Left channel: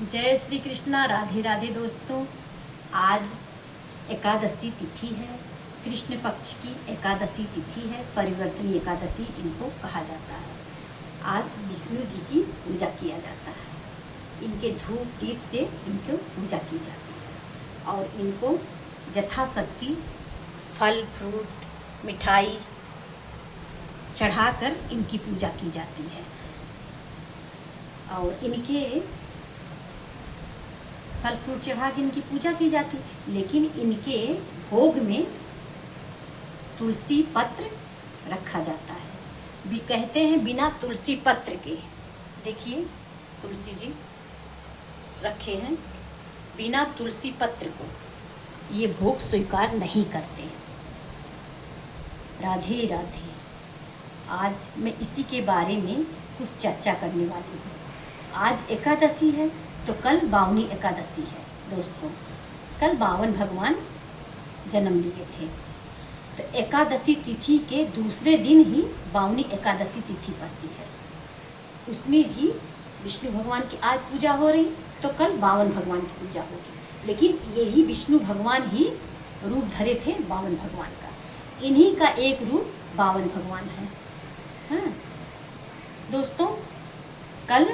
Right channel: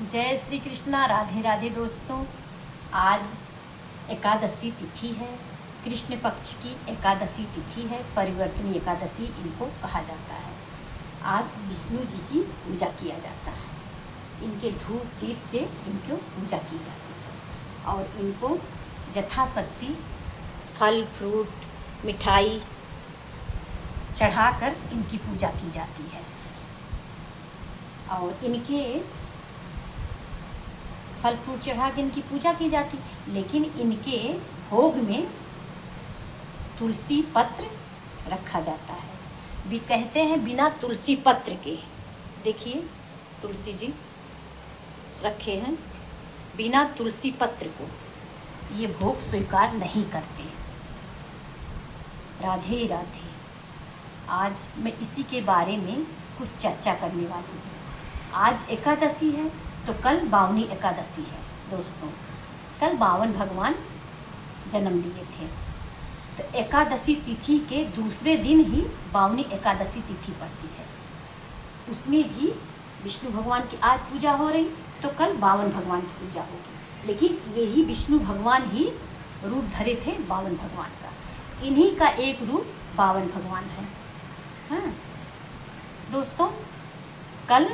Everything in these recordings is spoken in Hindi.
जय श्री कृष्णा। राधे राधे दोस्तों। आज एकादशी तिथि है, कृष्ण पक्ष की एकादशी तिथि है, परिवर्तनी एकादशी इनको कहा जाता है। आज विष्णु जी की पूजा किया जाता है। इनके धूप दीप से इनको पूजा की जाती है और इनको यथाशक्ति फल फ्रूट मिठाई चढ़ाकर इनकी पूजा की जाती है। और इनके फल फ्रूट चढ़ा के इनकी पूजा की जाती, लेकिन इनके भोग में तुलसी पत्र रखा जाता है। भी कहते हैं बिना तुलसी पत्र के, देखिए तुलसी जी रखे हैं, बिना तुलसी पत्र को ये भोग स्वीकार नहीं करते। राधे राधे। आज मैं इसी के बारे में कुछ चर्चा करने वाली हूँ। आज एकादशी है तो कल बावनी एकादशी है दोस्तों। कल बावन भगवान जन्म लिए थे, तो एकादशी तिथि के दूसरे दिन ही बावनी एकादशी तिथि पड़ती है। उसमें भी विष्णु भगवान की आज पूजा हो रही, तो कल बावन भगवान की पूजा होगी। लेकिन यही विष्णु भगवान ही रूप धरे थे बावन भगवान का। इन्हीं का एक रूप बावन भगवान है। हाँ दोस्तों, कल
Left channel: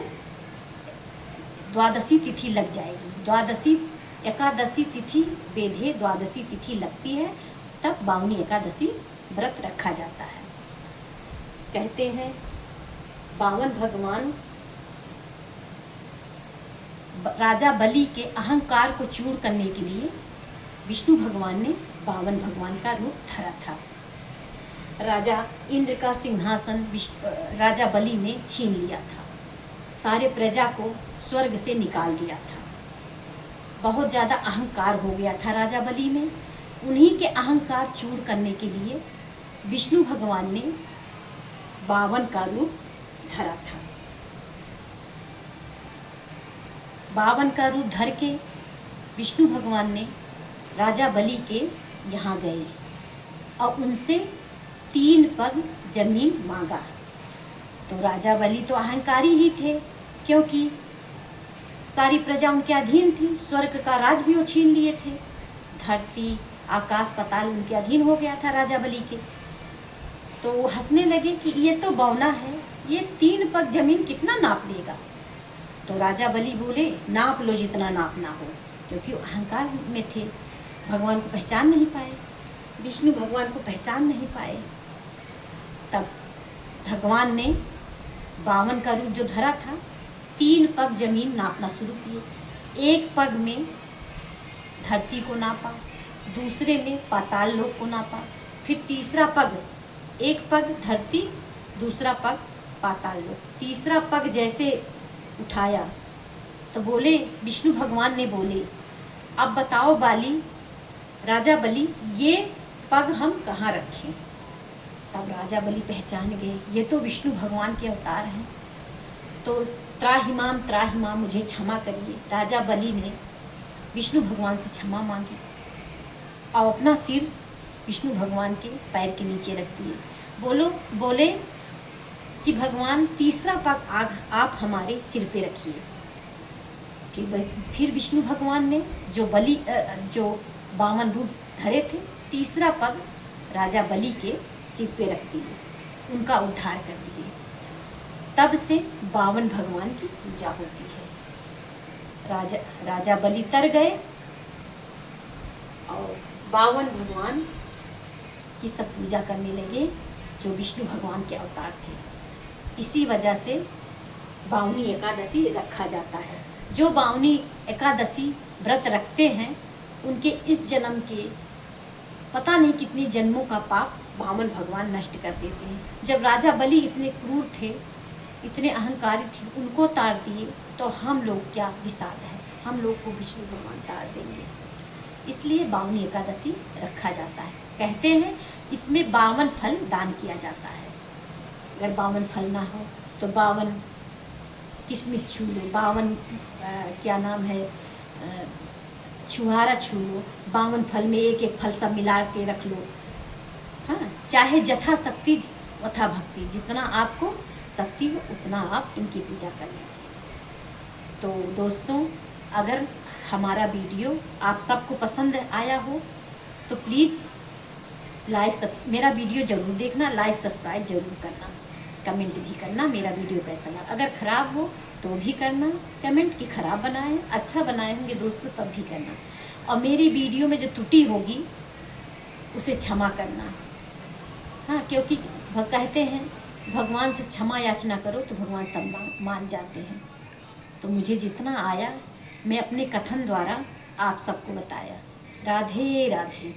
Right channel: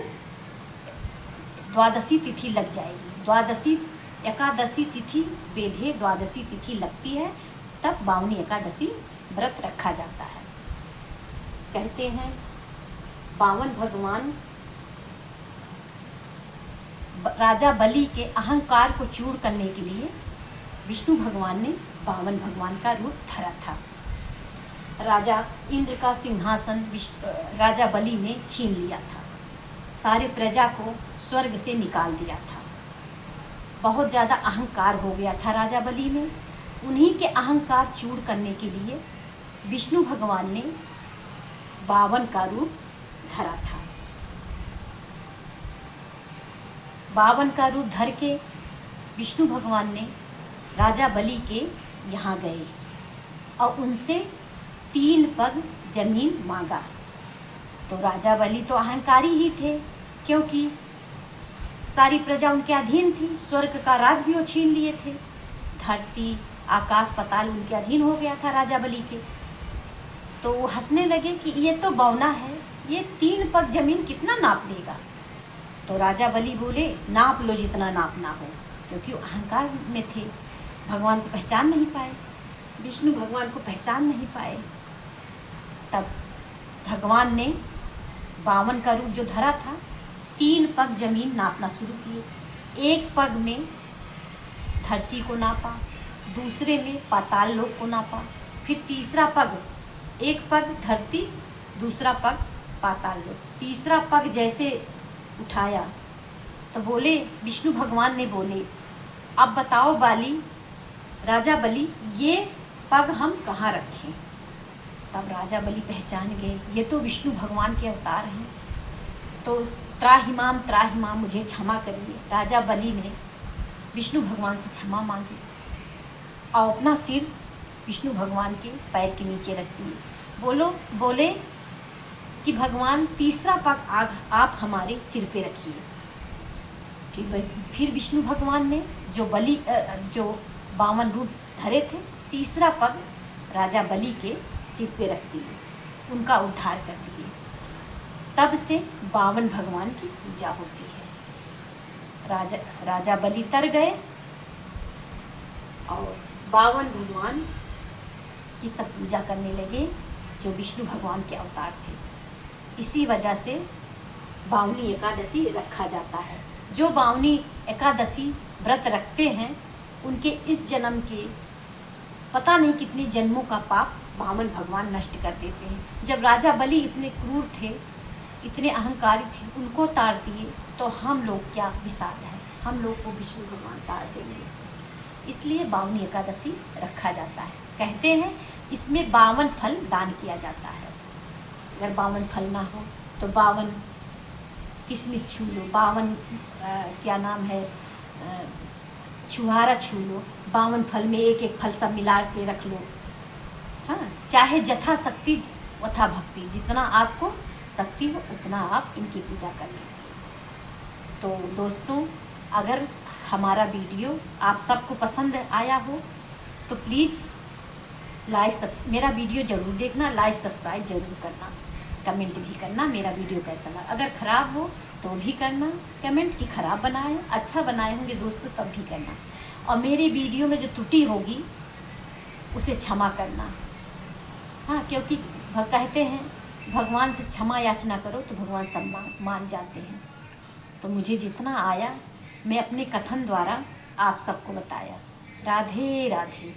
द्वादशी तिथि लग जाएगी। द्वादशी एकादशी तिथि बेधे द्वादशी तिथि लगती है, तब बावनी एकादशी व्रत रखा जाता है। कहते हैं बावन भगवान राजा बलि के अहंकार को चूर करने के लिए विष्णु भगवान ने बावन भगवान का रूप धरा था। राजा इंद्र का सिंहासन राजा बलि ने छीन लिया था। सारे प्रजा को स्वर्ग से निकाल दिया था। बहुत ज़्यादा अहंकार हो गया था राजा बलि में। उन्हीं के अहंकार चूर करने के लिए विष्णु भगवान ने बावन का रूप धरा था। बावन का रूप धर के विष्णु भगवान ने राजा बलि के यहाँ गए और उनसे 3 पग जमीन मांगा। तो राजा बलि तो अहंकारी ही थे, क्योंकि सारी प्रजा उनके अधीन थी। स्वर्ग का राज भी वो छीन लिए थे। धरती आकाश पाताल उनके अधीन हो गया था राजा बलि के। तो वो हंसने लगे कि ये तो बौना है, ये 3 पग जमीन कितना नाप लेगा। तो राजा बलि बोले नाप लो जितना नापना हो, क्योंकि वो अहंकार में थे। भगवान को पहचान नहीं पाए, विष्णु भगवान को पहचान नहीं पाए। तब भगवान ने बावन का रूप जो धरा था, 3 पग जमीन नापना शुरू किए। एक पग में धरती को नापा, दूसरे में पाताल लोक को नापा, फिर तीसरा पग, एक पग धरती, दूसरा पग पाताल लोक, तीसरा पग जैसे उठाया तो बोले, विष्णु भगवान ने बोले, अब बताओ राजा बलि ये पग हम कहाँ रखें। तब राजा बलि पहचान गए, ये तो विष्णु भगवान के अवतार हैं। तो त्राहिमाम मुझे क्षमा करिए। राजा बलि ने विष्णु भगवान से क्षमा मांगी और अपना सिर विष्णु भगवान के पैर के नीचे रख दिए। बोले कि भगवान तीसरा पग आप हमारे सिर पे रखिए। फिर विष्णु भगवान ने जो बावन रूप धरे थे, तीसरा पग राजा बलि के सिर पे रख दिए, उनका उद्धार कर दिए। तब से बावन भगवान की पूजा होती है। राजा बलि तर गए और बावन भगवान की सब पूजा करने लगे, जो विष्णु भगवान के अवतार थे। इसी वजह से बावनी एकादशी रखा जाता है। जो बावनी एकादशी व्रत रखते हैं, उनके इस जन्म के पता नहीं कितने जन्मों का पाप बावन भगवान नष्ट कर देते हैं। जब राजा बलि इतने क्रूर थे, इतने अहंकारी थे, उनको तार दिए, तो हम लोग क्या विषाद है, हम लोग को विष्णु भगवान तार देंगे। इसलिए बावनी एकादशी रखा जाता है। कहते हैं इसमें 52 फल दान किया जाता है। अगर 52 फल ना हो तो 52 किशमिश छू लो, 52 क्या नाम है छुहारा छू लो, 52 फल में एक एक फल सब मिला के रख लो। हाँ, चाहे जथा शक्ति वथा भक्ति, जितना आपको शक्ति हो उतना आप इनकी पूजा कर लीजिए। तो दोस्तों, अगर हमारा वीडियो आप सबको पसंद आया हो तो प्लीज़ मेरा वीडियो ज़रूर देखना, लाइक सब्सक्राइब ज़रूर करना, कमेंट भी करना मेरा वीडियो कैसा लगा। अगर ख़राब हो तो भी करना कमेंट कि ख़राब बनाए, अच्छा बनाए होंगे दोस्तों तब भी करना। और मेरी वीडियो में जो त्रुटि होगी उसे क्षमा करना। हाँ, क्योंकि कहते हैं भगवान से क्षमा याचना करो तो भगवान सब मान जाते हैं। तो मुझे जितना आया मैं अपने कथन द्वारा आप सबको बताया। राधे राधे।